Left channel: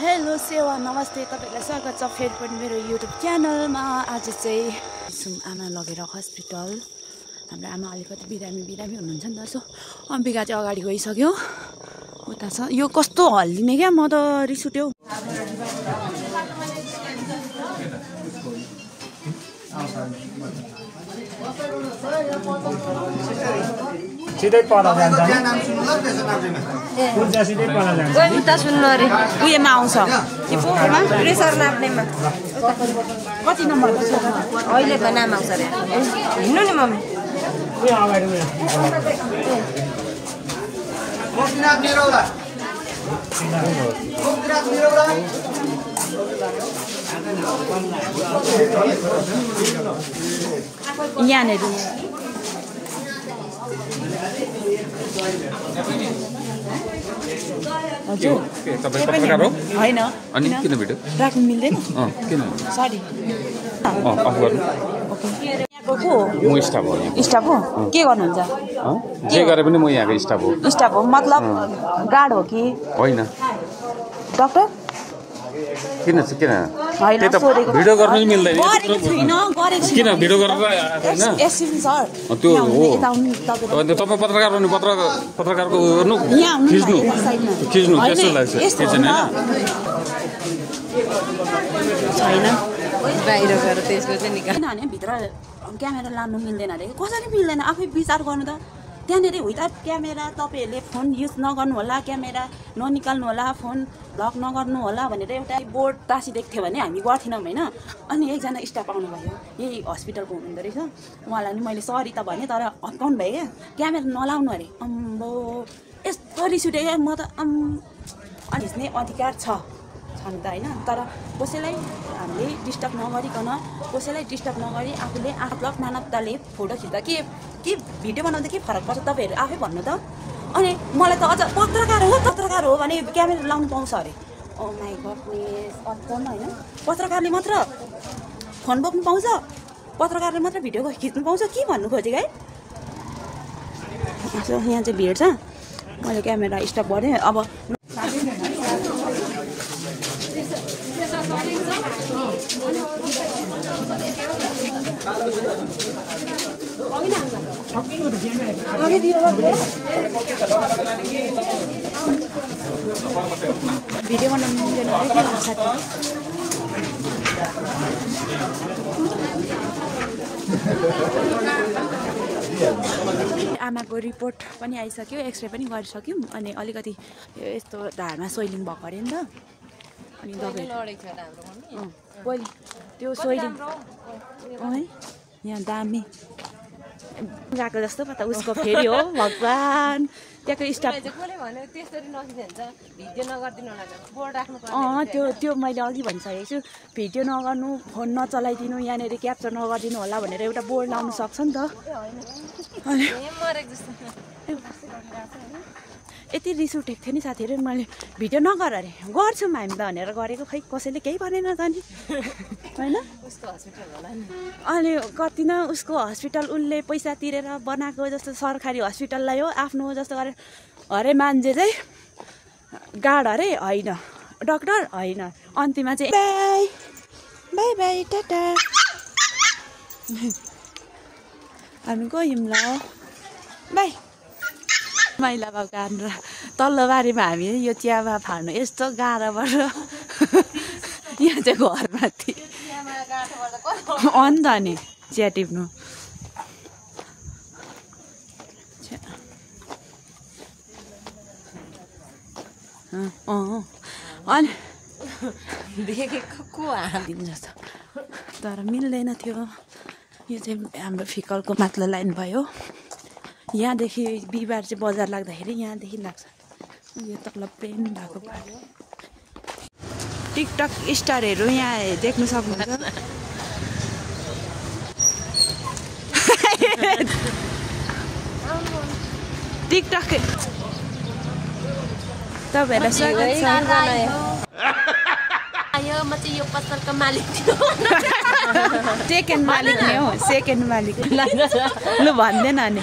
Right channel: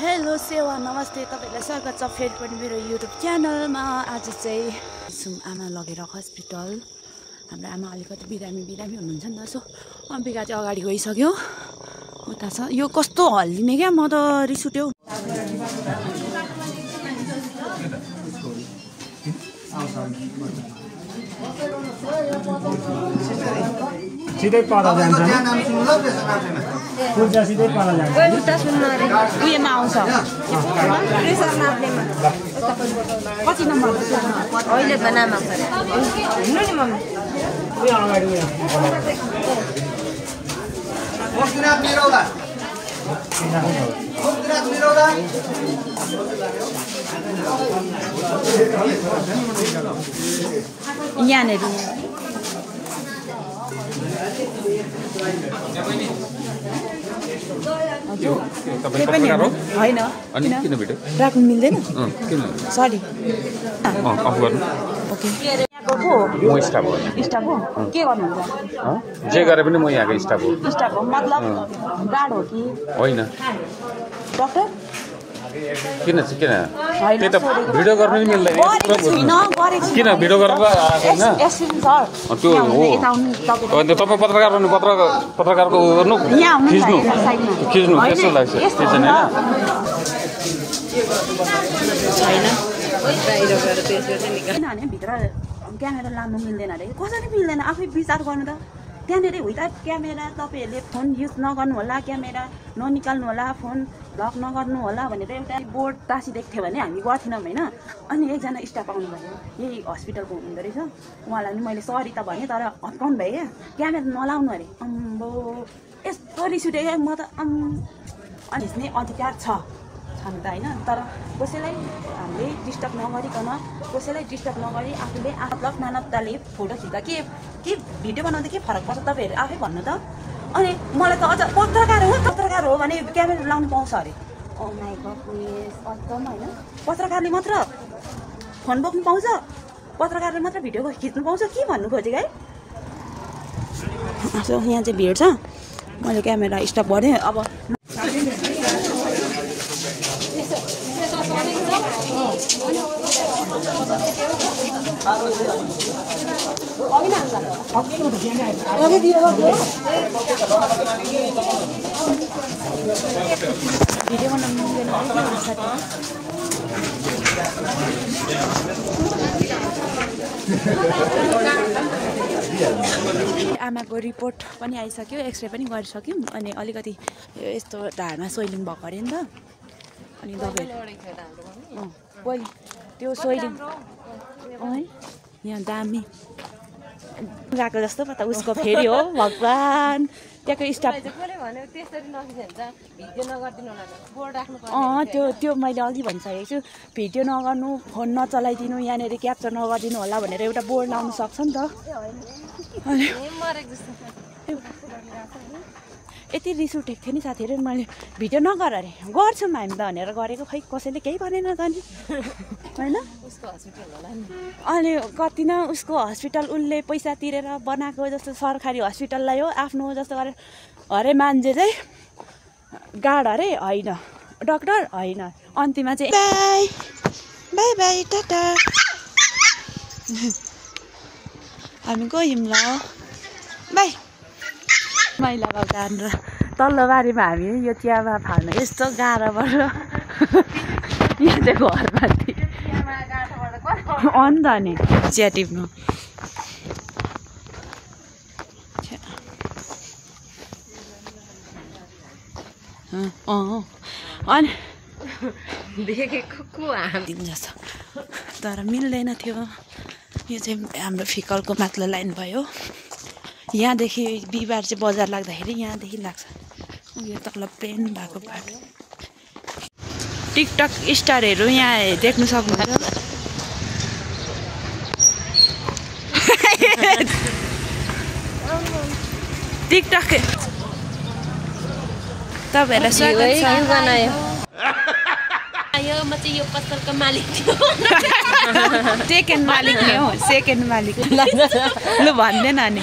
Hello सेवा नमस्ते तपाईहरुलाई स्वागत छ फेरि पनि मेरो युट्युब च्यानलमा। आज चाहिँ आमा लगेर हस्पिटल। हाम्रो आमा अलिकति बिरामी हुनुहुन्छ नि त, सो अम्बिका चाहिँ अगाडि गइसक्यो, उता छ। यो कस्तो हल्लिने क्या, म त रिस उठ्यो। सिधै पर जान्छ पूजा सिधै पर जान्छ उता सुन्नु रे उयोमा आउँछ प्रेसर नाप्नेमा कति नम्बर अहिले बनामा आउँछ रे हिँड्नु नि मम्मी उयो अगाडि उयो मोक्तिनाथ निरौला मोक्तिनाथ निरौला यहाँनेर होइन राख्नु मिल्दैन सरी ओके। यहाँको को स्टाफ हो के गर्नुहुन्छ? जे गरे पनि म यहाँको स्टाफ हो। स्टाफ हो मतलब गार्ड हो कि होइन? डक्टर किन त्यही त भिडियो गर्न नि मिल्दैन। किन भिडियो गरेर आएको होइन? त्यो हो अन्त तपाईँ पत्रकार भन्नु पत्रकारको गर्नु खिच्नु त्यस्तो लाग्छ छैन किनभने भित्र क्यामेरा लानु मिल्दैन अरे। कसरी मिल्दैन आफै विचार गर्नु त। त्यहाँनिर विदाउट क्यामेरा तपाईँहरूले फोन युज नगर्नु होला, क्यामेरा ननिकाल्नु होला, फोन ब्लक नगर्नु होला भनेर एउटा बोर्ड टाँसिदिएको थियो भने हामी गर्थेनौँ होइन। अनि एकजना स्टाफ आउनुभयो, यही हस्पिटलको हुनुहुँदो रहेछ। उहाँलाई नि मैले सरी त भने, तर हप्काउनु भयो क्या, क्यामेरा नलाउनु अरे। अम्बो यस्तो रिस उठ्यो क्या, म त अनि हिँड्ने अधिकार छ छन् त होइन। तर कसैलाई हामीले डिस्टर्ब नगरिकन, कसैलाई डिस्टर्ब नगरी आफूले मतलब मानवताले फोटो खिच्दा के भिडियो बनाउँदा के फरक पर्छ तपाईँहरू आफै भन्नु त। अनि मलाई त अझ पत्रकार हो भने क्यामेरा लाउनु पाउँछ अरे। ओ माई गडनेस अचम्म होइन। पत्रकारले मात्र फोन बोक्नु पाउँछ, पत्रकारले मात्र भिडियो खिच्नु पाउँछ, के भन्नु खोजेको है। सो यहाँ चाहिँ भिड छ, मैले क्यामेरा स्टप गरेँ। अब भिडियो बनाउनु आमाको रिपोर्ट पनि आइसक्यो, एक्सरे पनि गरिसक्यौँ। अनि अलिकति यस्तो ढाडमा सोइलिङ भएको अरे नि त। अनि दबाई पहिले त्यो सोइलिङ यहाँ दामी गएको जस्तो पो त उसको फेरि हो भगवान्। त्यहाँको स्टाफ त्यो मैले अघि भनिसकेको छु, भिडियो नगर्नु, फोन नचलाइदिनु, यहाँनिर क्याप्चर नगरिदिनु होला भनेर एउटा बोर्ड लाउनु सक्छ नि त। यति रिस उठेको थियो नि साथीहरू, मैले भिडियो नगर अरे, गर्छौँ हामी त भनेर गरेको, खै कसैले केही भनेन त नि होइन। अनि कति न उसको हस्पिटल उसले पैसा तिरेर बनाएको जस्तो सरकारी हस्पिटललाई हो आफ्नो जस्तो गरेर अरे। मान्छे चाहिँ गार्ड अरे होइन, डक्टर होइन। अन्तिममा चाहिँ बाई बाई बाई टाटा हामी गयौँ ल बाई। मैला भएको हानेर तल्लो बारीमा हामी यो चियामा फाल्नु यस्तो गाह्रो पर्छ। यहाँ चाहिँ घरमा अन्त नि चिया टिप्नु अनि देखेको दिन जस्तो, तर मिल्दैन थियो। यो चाहिँ हाम्रो फिकलको माथिल्लो लाइन भयो। यहाँदेखि बिहिबार चाहिँ बजार लाग्दाखेरि यहाँदेखि लाग्छ उयो तल प्लेन भएको बाटो। टिकटक स्टारहरू यहाँ देख्नु सक्नुहुन्छ। टिकटक तपाईँहरूलाई स्वागत छ। म चाहिँ यो पसलको मालिक थियो। सेकेन्ड मालिक नै हो, सेकेन्ड मालिक। लु भन्दैन नि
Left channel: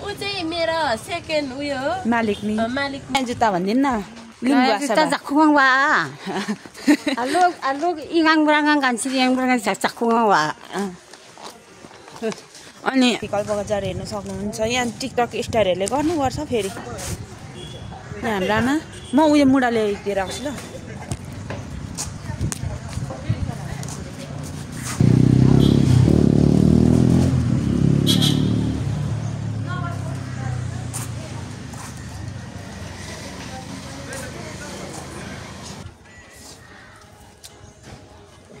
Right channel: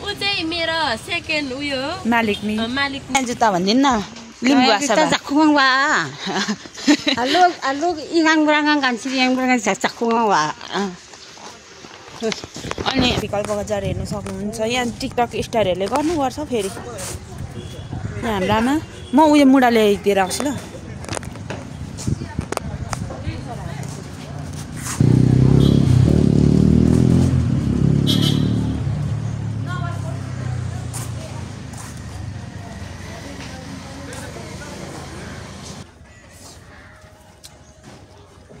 ऊ चाहिँ मेरो सेकेन्ड उयो मालिक नि। मालिक जुत्ता भन्दिन न लिम्बू भाषा zakkungang wa. Alog ingang brangang kan siri yang brangang zakkungang wa. अनि विकल्प बजार हेर्न सक्नुहुन्छ यहाँ टिकटक स्टारहरूले गर्नुपर्छ फेरि यहाँ हाम्रामा म उयो मुढा ल्याइदिएर आउँछु ल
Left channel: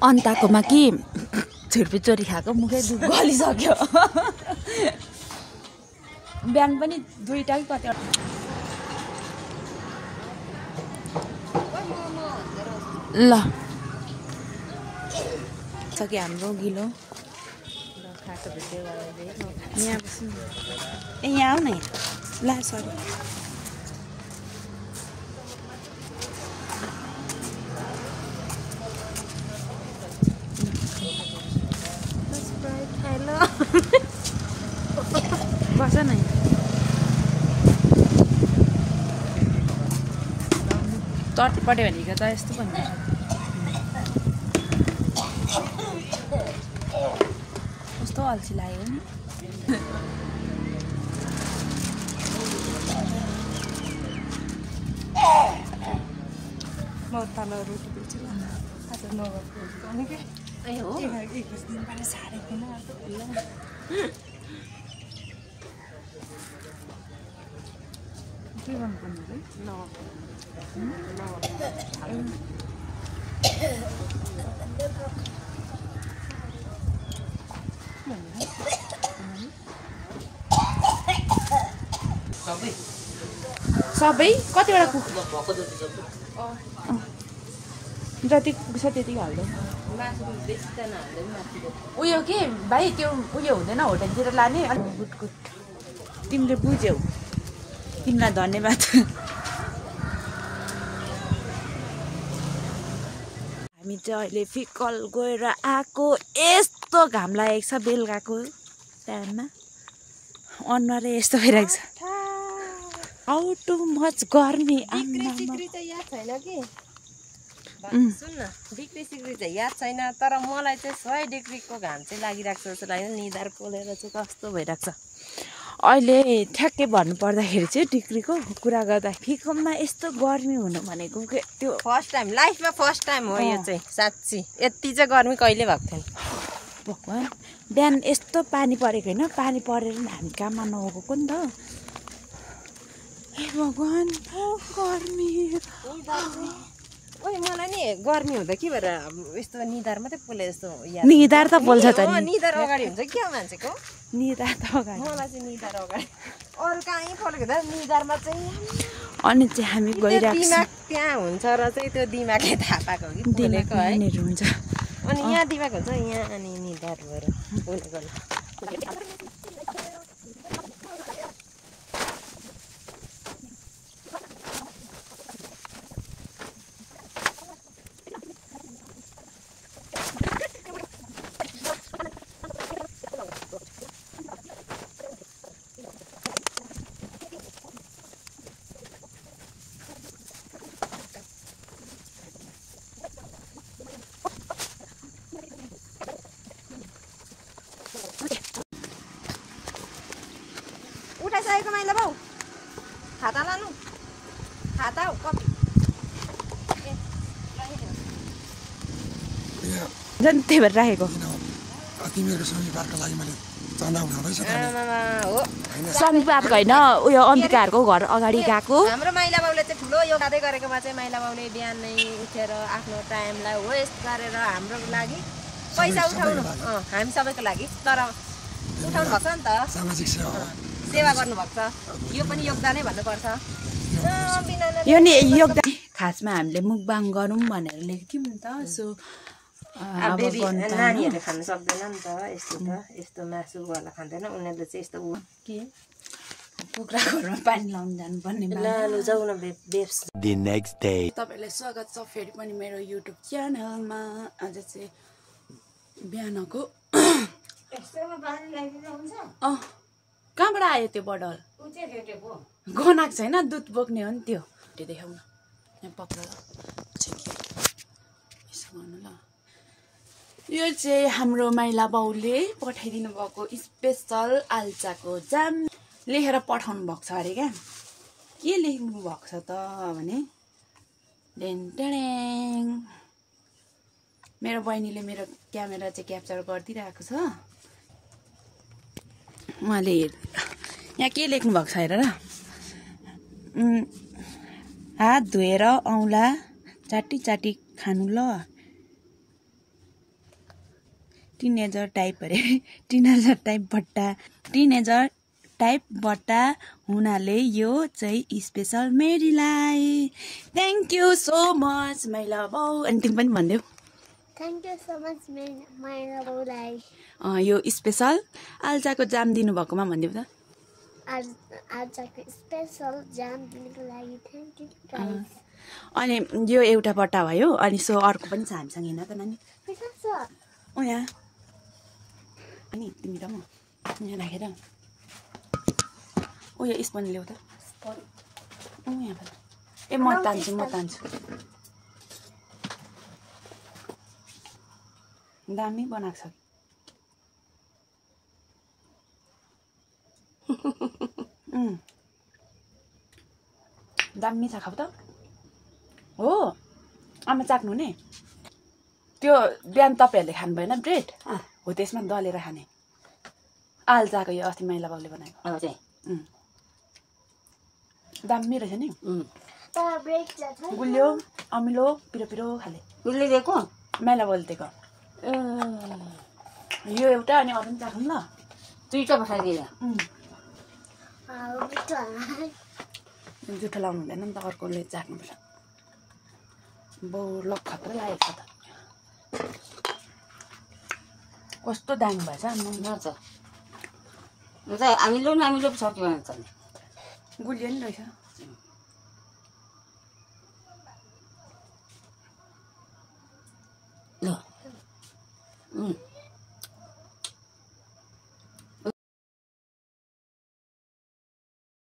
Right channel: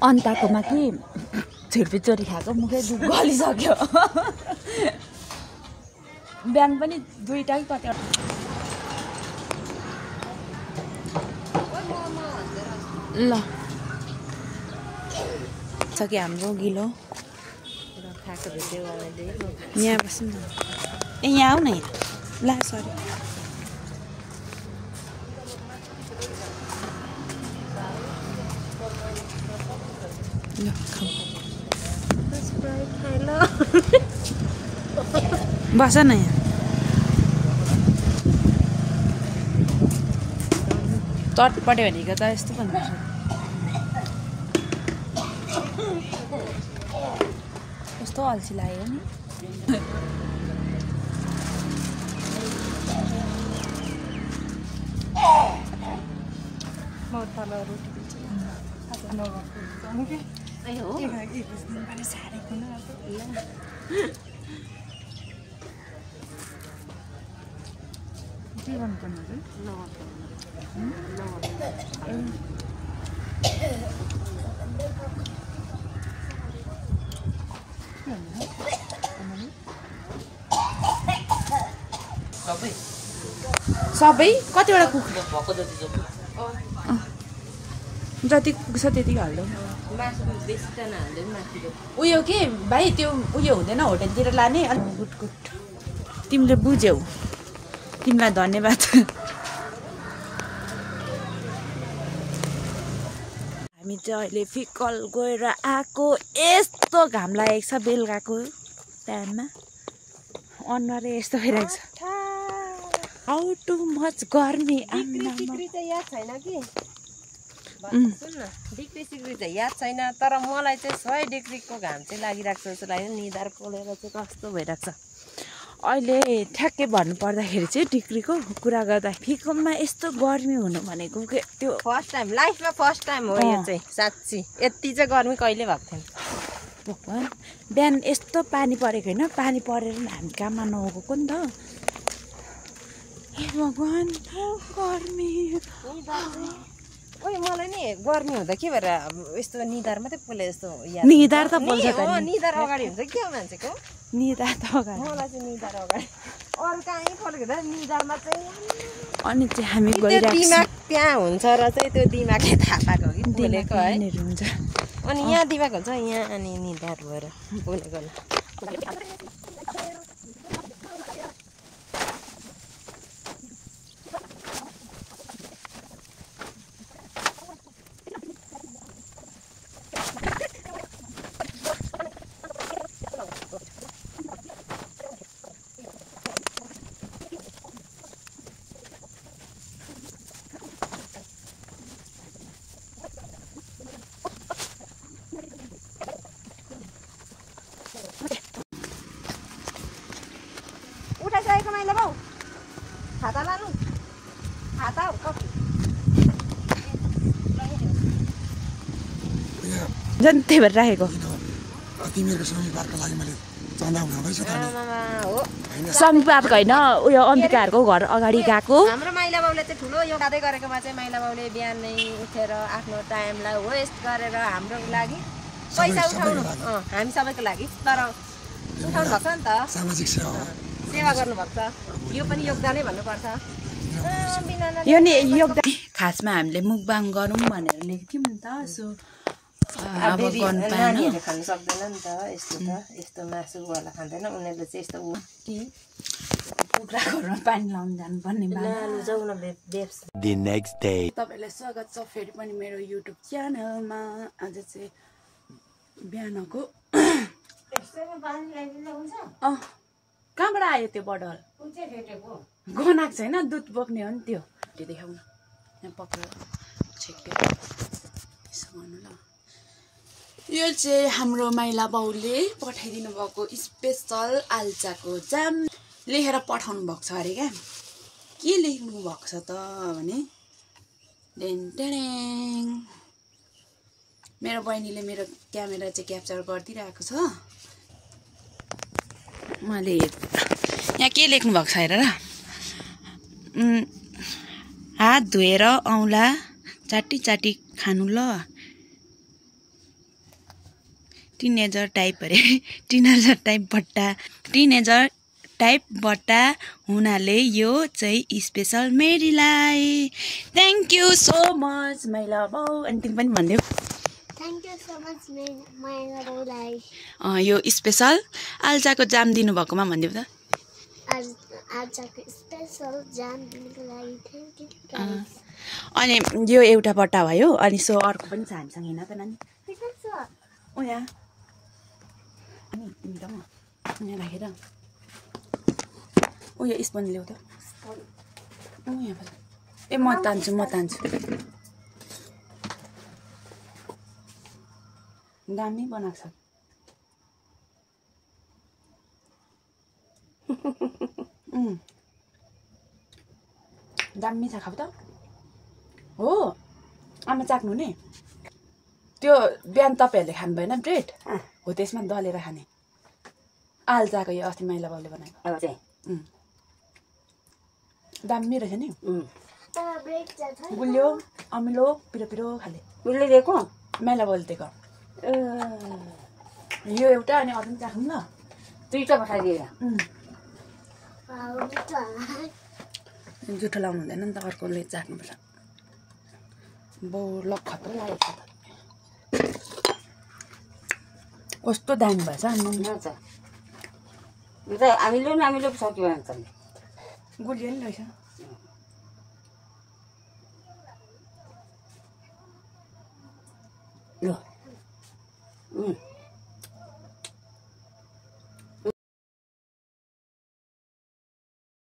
अन्ताकोमा कि छुर्पी खाएको मुखै दुध गलिसक्यो बिहान पनि दुईटा कि कति ल सक्यो हाम्रो गिलो यहाँ बस्नु ए यहाँ आऊ न ला सरी बस न यहाँ तटपट्टि भनेको त यस्तो भन्नु कस्तो अल्छी लाग्यो नि म उतालो रोटी दिन्छु के गर्नुपर्ने सबै कतिवटा कुखुरा जति पुग्छ त्यति हाल्दै उयो के भाइ त्यो उयो हुँदैन होटलतिर लाने गुड गुड तिमीले बुझ्यौ तिमीलाई धन्यवाद हामी चाहिँ अहिले फिकल गएर आएको यस्तो घाम लागेको छ बेलुकाको टाइममा अनुहार यस्तो भइरहेको छ हाउ टु मच गर्मी डिग्री चाहिँ याद छैन कि सुन न डिग्री सिग्री चाहिँ याद छैन तर मलाई चाहिँ 100 डिग्रीको घाम चाहिँ लागिरहेको छ जस्तो लाग्यो निधार पोलेर चाहिँ कस्तो भइरहेको छ अहिले ठ्याक्कै भन्नु पर्दाखेरि चाहिँ डिग्रीको कुरा गर्दा फिकलमा यस्तो गर्मी हुनु भनेको त्यो फर्स्ट टाइम लाइफमा फर्स्ट टाइम हो यो चाहिँ साँच्ची यति चाहिँ गर्मी कहिले भएको थिएन भगवान् बिहान यस्तो पानी परेको होइन पानी परेर हामी काममा नगएको नि त ए भगवान् गर्मी ओइ मलाई नि गर्मी हुँदा के भएर यस्तो निधार मात्रै पोले जस्तो निधार त पोल्छ त निधार अगाडि हुन्छ क्या मान्छेको निधार त अगाडि मलाई चाहिँ निधार अगाडि अरू कहीँ पोलेको त निधारमा चाहिँ अनि चाहिँ हामी गइरहेको दिमाग त्यहाँ हुन्छ र चाहिँ त्यो दिमागले थाहा पाएको कि पोलेको है हुन्छ अनि यहाँ दिमाग हुन्छ यहाँ अनि निधार भएर पोलेको उठाइसकेको माइला बाउ खाता लानु खाता हो कति झन् त्यही भएर राखेको तिमीहरूको समीपारको लागि मैले चन्दा उठाउँदैछ समीपारको होइन उयो अम्बिकाहरूको घर अगाडि गएको हाम्रो माइला बाउले चाहिँ ठुलो यो गादै गरेकोमा चाहिँ माइला बाउले बिहानै उठेर आफ्नो टाइमलाई वेस्ट गरेर हाम्रो लागि पैसा उठाउनु हामी सबैको लागि तर उठाउनु भएको छ नि त सामाजिक सेवा गर्नुभएको छ यो पनि योगदानै भन्नुपर्छ यो नि योगदान खासमा हामीले मुकबाङ गरौँ भनेर लेखेको थियौँ नि त सो अब गर्नु नानीहरूले खानु सक्दैन नि त यस्तो मासुवाला खाँदैन उनीहरूले चाहिँ यस्तो कुखुराको घरमा पानी लाउनु जानुपर्ने तपाईँलाई स्वागत छ फेरि पनि मेरो युट्युब च्यानलमा आज चाहिँ बिहानको कहाँबाट आयो त्यो बडल गनाएको छैन दुध बोक्ने हो नि त्यो देखाउन यहाँ पक्का छेक्यो यसो गर्नु ल यो चाहिँ हाम्रो माइला बाउले पठाइदिनु भएको स्पेसल आल्चाको जाम लेखेर पठाउनु भएको छ अरे क्या के लेख्नु भएको छ त भने डेन्टेडेङ मेरो बहिनीले मेरो क्यामेरा चाहिँ क्याप्चर गरिदिरहेको छ मैले यहाँ के लेख्नु भएको छ हेर र हात धोएर औँला चाटी चाटी खानु ल टिनेजर टाइप अरे टिनेजर टाइप बट्टा हुनाले यो चाहिँ स्पेसल मेरीलाई थ्याङ्क यू सो मच माइला बाउ अनि तिमी पनि भनिदेऊ थ्याङ्क यू सो मच माइला बाउलाई यो स्पेसल आल्चाको जाम दिनुभएकोमा भनिदेऊ त आजको स्पेसल जाम दिनुको लागि थ्याङ्क यू अनि यो एउटा बट्टा भयो अनि सो अर्को पनि छ हामीसँग हेर्न त नानी ओ यहाँ अनि तिमी र म यहाँ राखेर ओ यो स्पन ल्याऊ त ओ यहाँ ए म तान्छु दामी बनाएको छ दामी छ खाऊ त हो आमा चाख्नु नि त्यो बिहान तपाईँहरूले खानु भएन ब्रेड हो त्यसमा दलेर खाने आल्चाको यो अस्ति माइला बाउले बनाएको दामी रहेछ नि गुलियो अमिलो पिरो पिरो खाले उसले दिएको माइला बाउले दिएको यो एउटा अनि अरू पनि चाख्नु ल दुईटा पठाइदिएर जुठो लाउनु हुँदैन नि त अर्कोले चाख्नुपर्छ बाउ लक खतरा लागेको छ त कस्तो दामी भएछ हामीले सक्यो भन्छ गुलियो नि रहेछ ल